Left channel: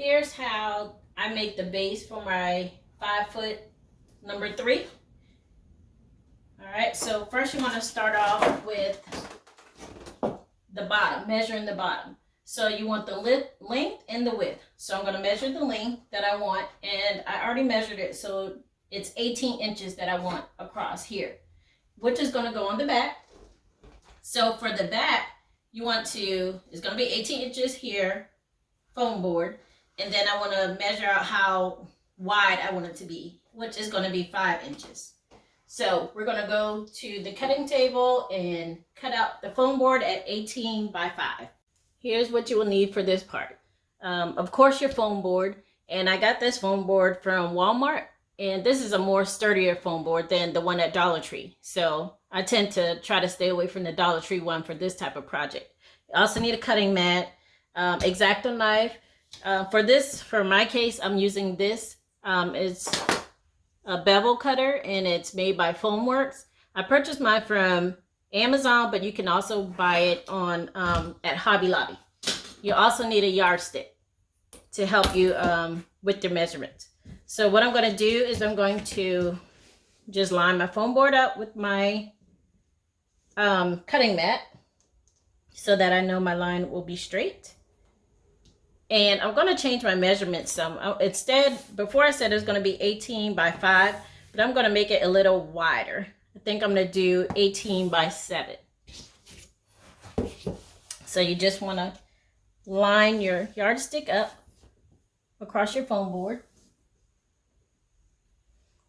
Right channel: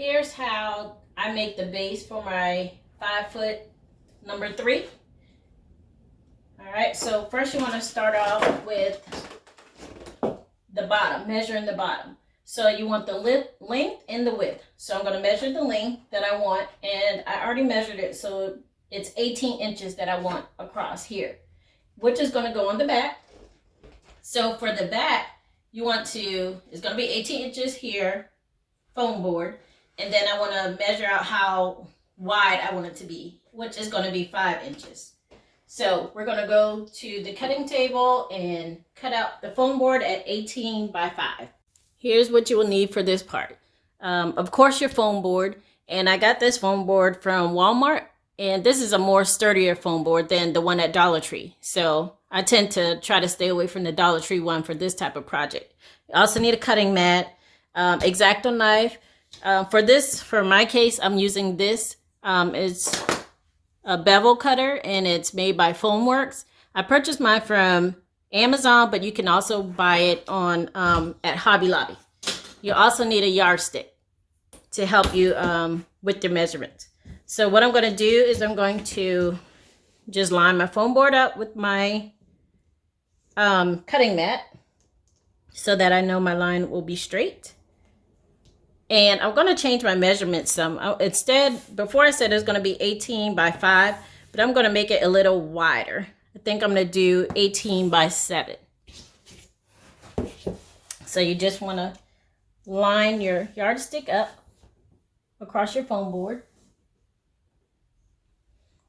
here's how I make the base for my 5-foot number 3. All right, so first you want to start off with the bottom, measuring the bottom. So you want the length and the width. So I'm going to measure the length that I want, and I already measured it, so it's 18 inches that I want across here, which is going to go on the back. So for the back, you want to, it's going to be 18 inches here, foam board, and then I want to measure out how wide I want it to be, which is going to be 5 inches. So we're going to go to the cutting table and cut out the foam board at 18 by 5. Here's what you will need for this part. Of course, your foam board, and I got this foam board from Walmart, and this is a more sturdier foam board than the one at Dollar Tree. So I tend to try to stay away from the Dollar Tree one for this type of project. You also need a cutting mat, X-Acto knife. For my case, I'm using this. It's a bevel cutter, and it's made by Foamworks. I purchased mine from Amazon, but you can also buy it on at Hobby Lobby. You also need a yardstick to help you with your measurements. So what I'm going to do is I'm going to just line my foam board up with my cutting mat so that I know my line will be straight. And I'm going to change my measurements some. Instead, before I said it's going to be 18 by 5, but I'm going to make it a little wider. I think I'm going to do 18 by 7. So you just want to line your yardstick up across your foam board.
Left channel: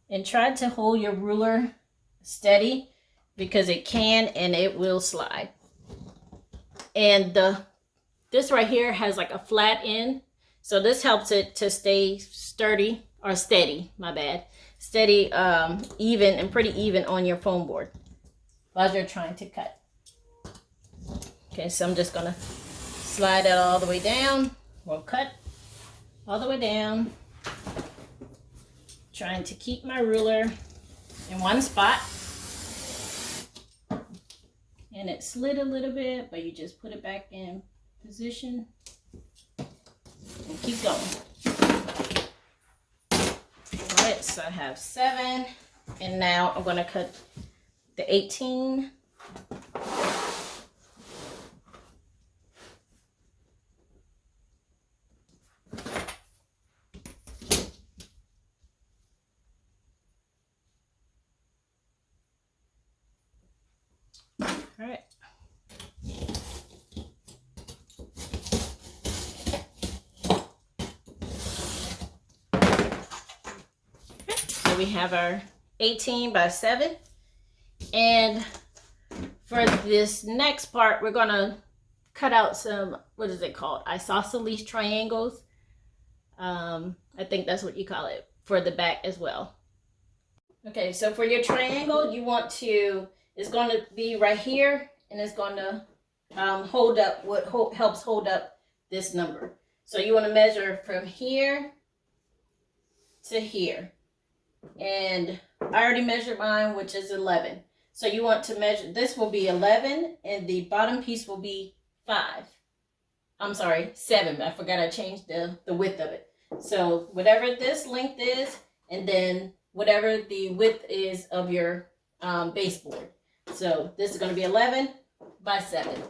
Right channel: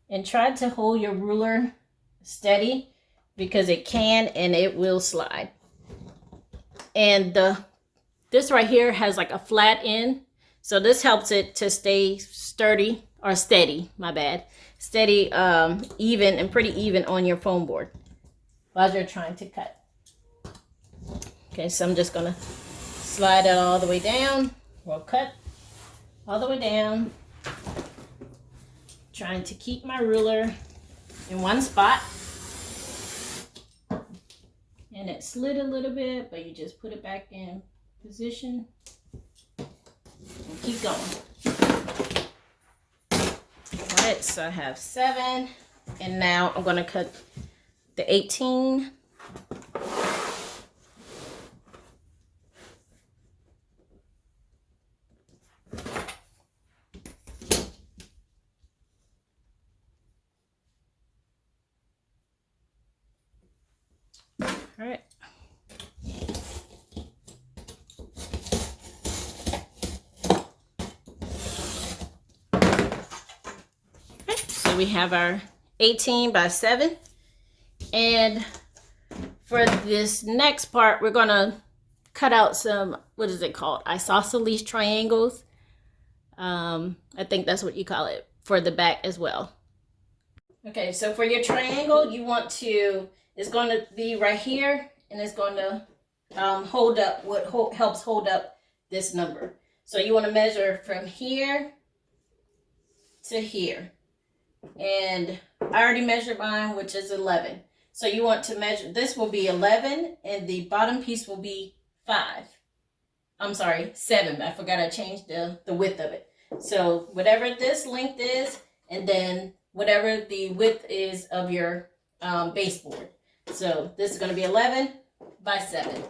And try to hold your ruler steady because it can and it will slide. And this right here has like a flat end, so this helps it to stay sturdy or steady, my bad. Steady, even and pretty even on your foam board while you're trying to cut. Okay, so I'm just gonna slide it all the way down. We'll cut all the way down. Trying to keep my ruler in one spot. And it slid a little bit, but you just put it back in position and keep going. All right, so I have 7, and now I'm going to cut the 18. All right. So we have our 18 by 7. And for this next part, we're going to cut out some, what is it called? Isosceles triangles. I think that's what you call it for the back as well. Okay, so for your triangle, you want to, it's going to be right here, and it's going to hold up what helps hold up this number. So you want to measure from here to here. And I already measured mine, which is 11. So you want to measure, this will be 11, and the bottom piece will be 5. I'm sorry, 7. I forgot I changed the width of it. So whatever this length is, and then whatever the width is of your baseboard. So this is going to be 11 by 7.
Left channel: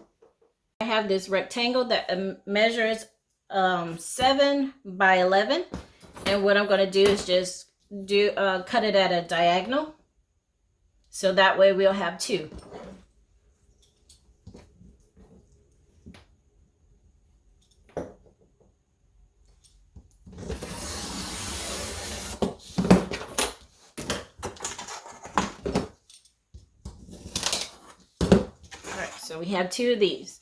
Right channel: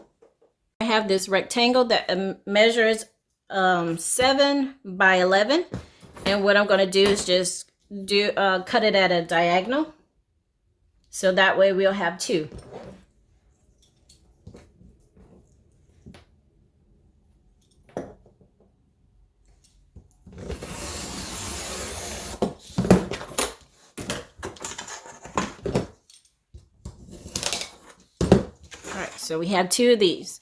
I have this rectangle that measures 7 by 11. And what I'm going to do is just cut it at a diagonal. So that way we'll have 2. So we have 2 of these.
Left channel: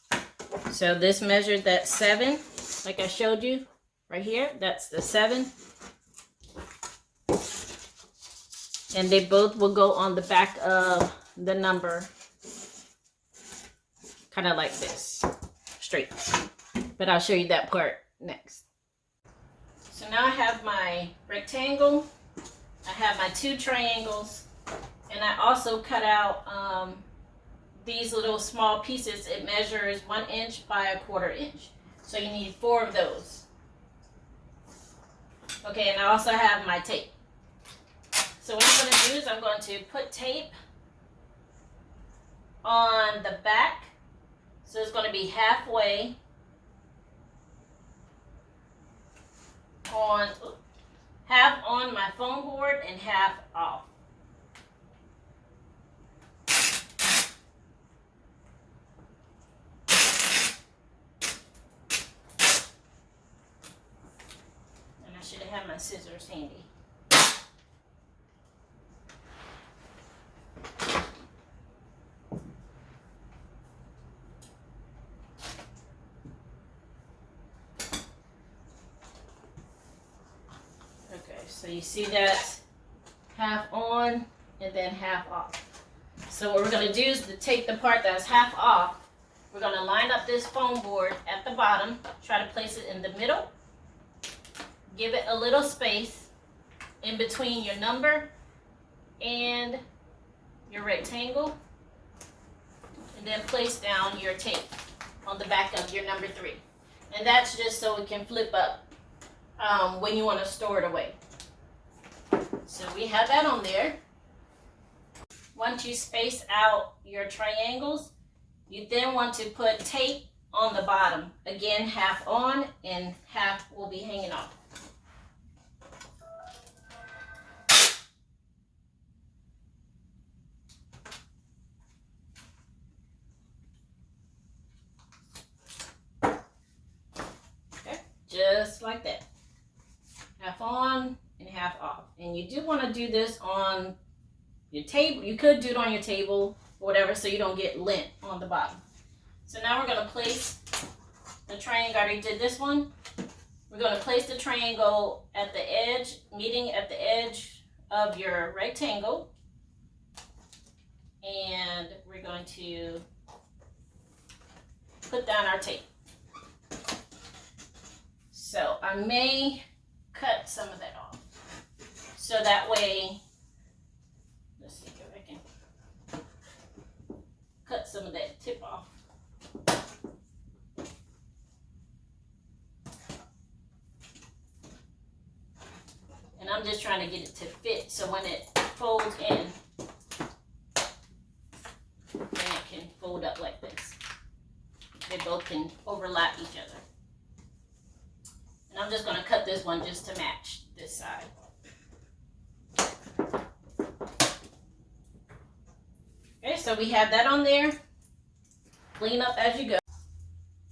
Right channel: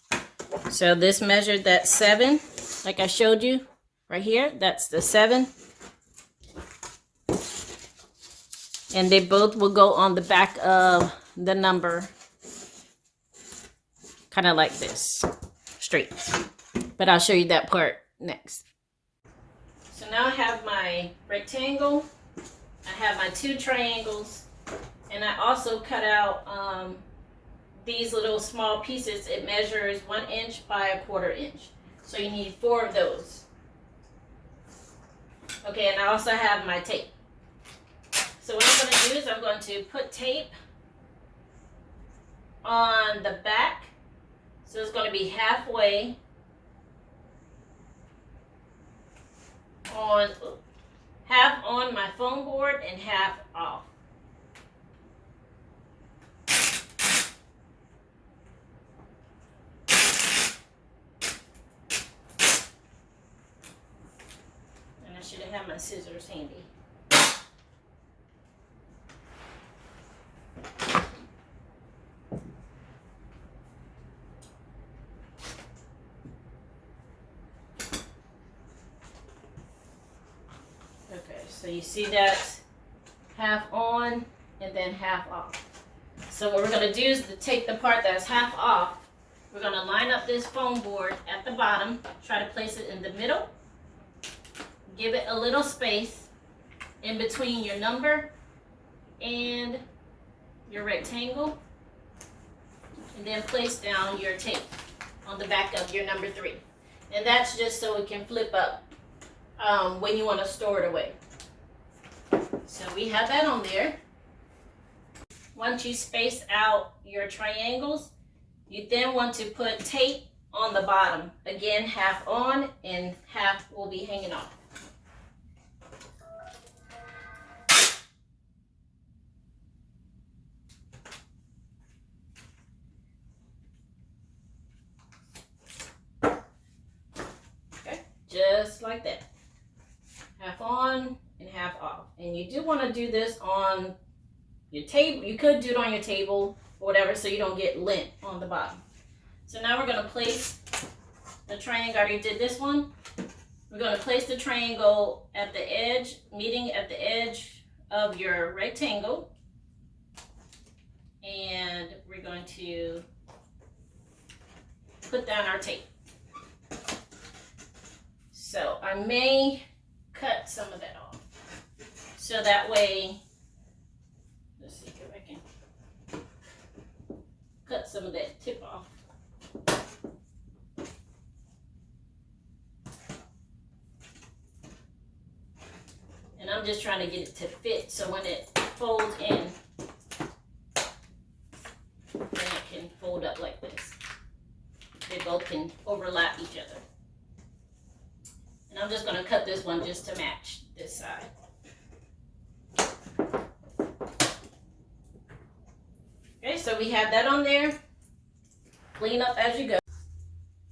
So this measured that 7, like I showed you right here. That's the 7. And they both will go on the back of the number, kind of like this, straight. But I'll show you that part next. So now I have my rectangle. I have my 2 triangles. And I also cut out these little small pieces. It measures 1 inch by 1/4 inch. So you need 4 of those. Okay, and I also have my tape. So what I'm going to do is I'm going to put tape on the back. So it's going to be halfway on, half on my foam board and half off. And I should have had my scissors handy. Okay, so you see that half on and then half off. So what we're going to do is to take the part that's half off, we're going to line up this foam board at the bottom, try to place it in the middle, give it a little space in between your number and your rectangle, and then place down your tape on the back of your number 3. And that's just so it can flip up when you want to store it away. So we have that on there. Once you space out your triangles, you then want to put tape on the bottom. Again, half on and half will be hanging off. Okay, just like that. Half on and half off. And you do want to do this on your table. You could do it on your table or whatever so you don't get lint on the bottom. So now we're going to place the triangle. I already did this one. We're going to place the triangle at the edge, meeting at the edge of your rectangle. And we're going to put down our tape. So I may cut some of that off. So that way, let's see if I can cut some of that tip off. And I'm just trying to get it to fit so when it folds in, then it can fold up like this. They both can overlap each other. And I'm just going to cut this one just to match this side. Okay, so we have that on there. Clean up as you go.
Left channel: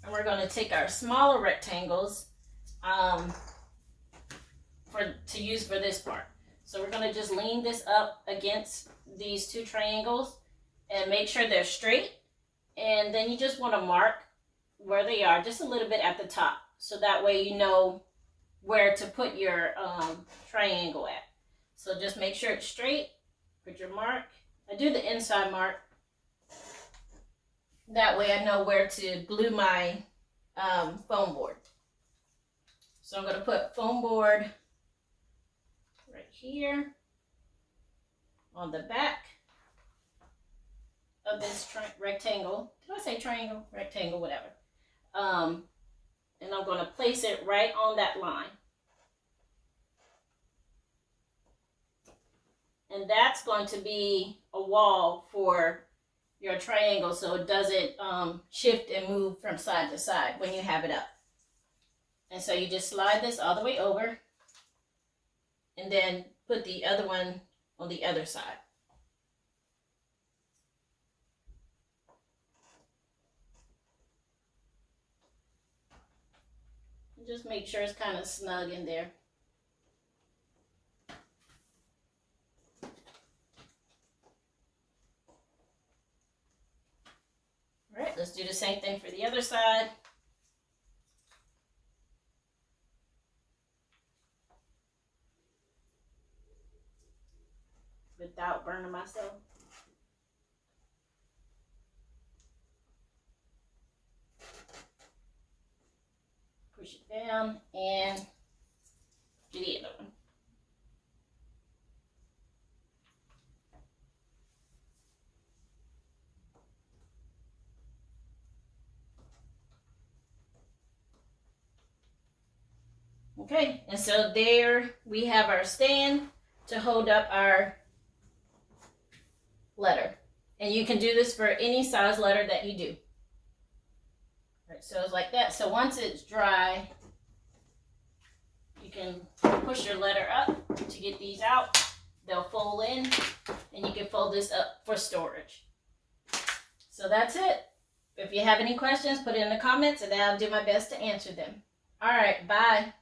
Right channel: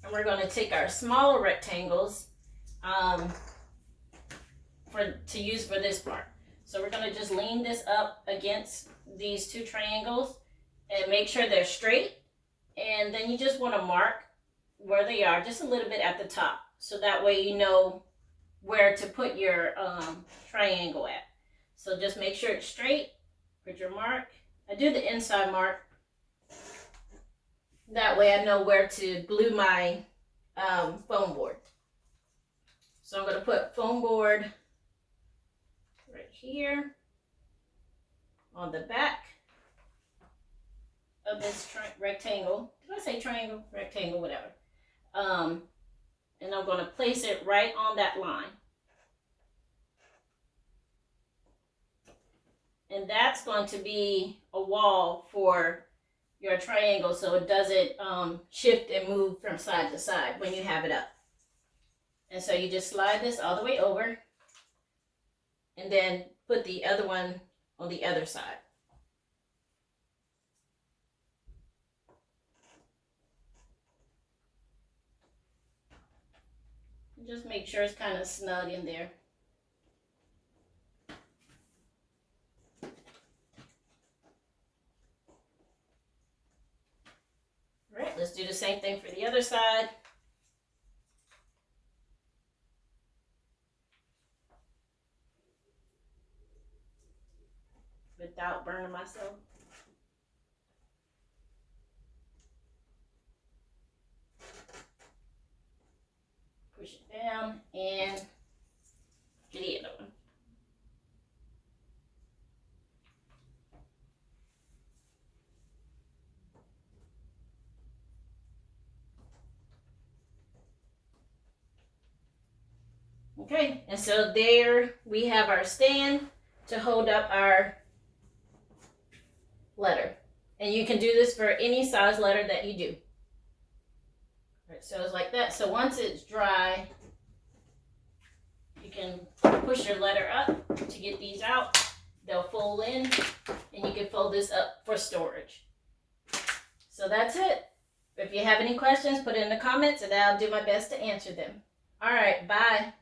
And we're going to take our smaller rectangles to use for this part. So we're going to just lean this up against these 2 triangles and make sure they're straight. And then you just want to mark where they are just a little bit at the top. So that way you know where to put your triangle at. So just make sure it's straight. Put your mark. I do the inside mark. That way I know where to glue my foam board. So I'm going to put foam board right here on the back of this rectangle. Did I say triangle? Rectangle, whatever. And I'm going to place it right on that line. And that's going to be a wall for your triangle so it doesn't shift and move from side to side when you have it up. And so you just slide this all the way over and then put the other one on the other side. And just make sure it's kind of snug in there. All right, let's do the same thing for the other side. Without burning myself. Push it down and do the other one. Okay, and so there we have our stand to hold up our letter. And you can do this for any size letter that you do. All right, so it's like that. So once it's dry, you can push your letter up to get these out. They'll fold in, and you can fold this up for storage. So that's it. If you have any questions, put it in the comments, and I'll do my best to answer them. All right, bye.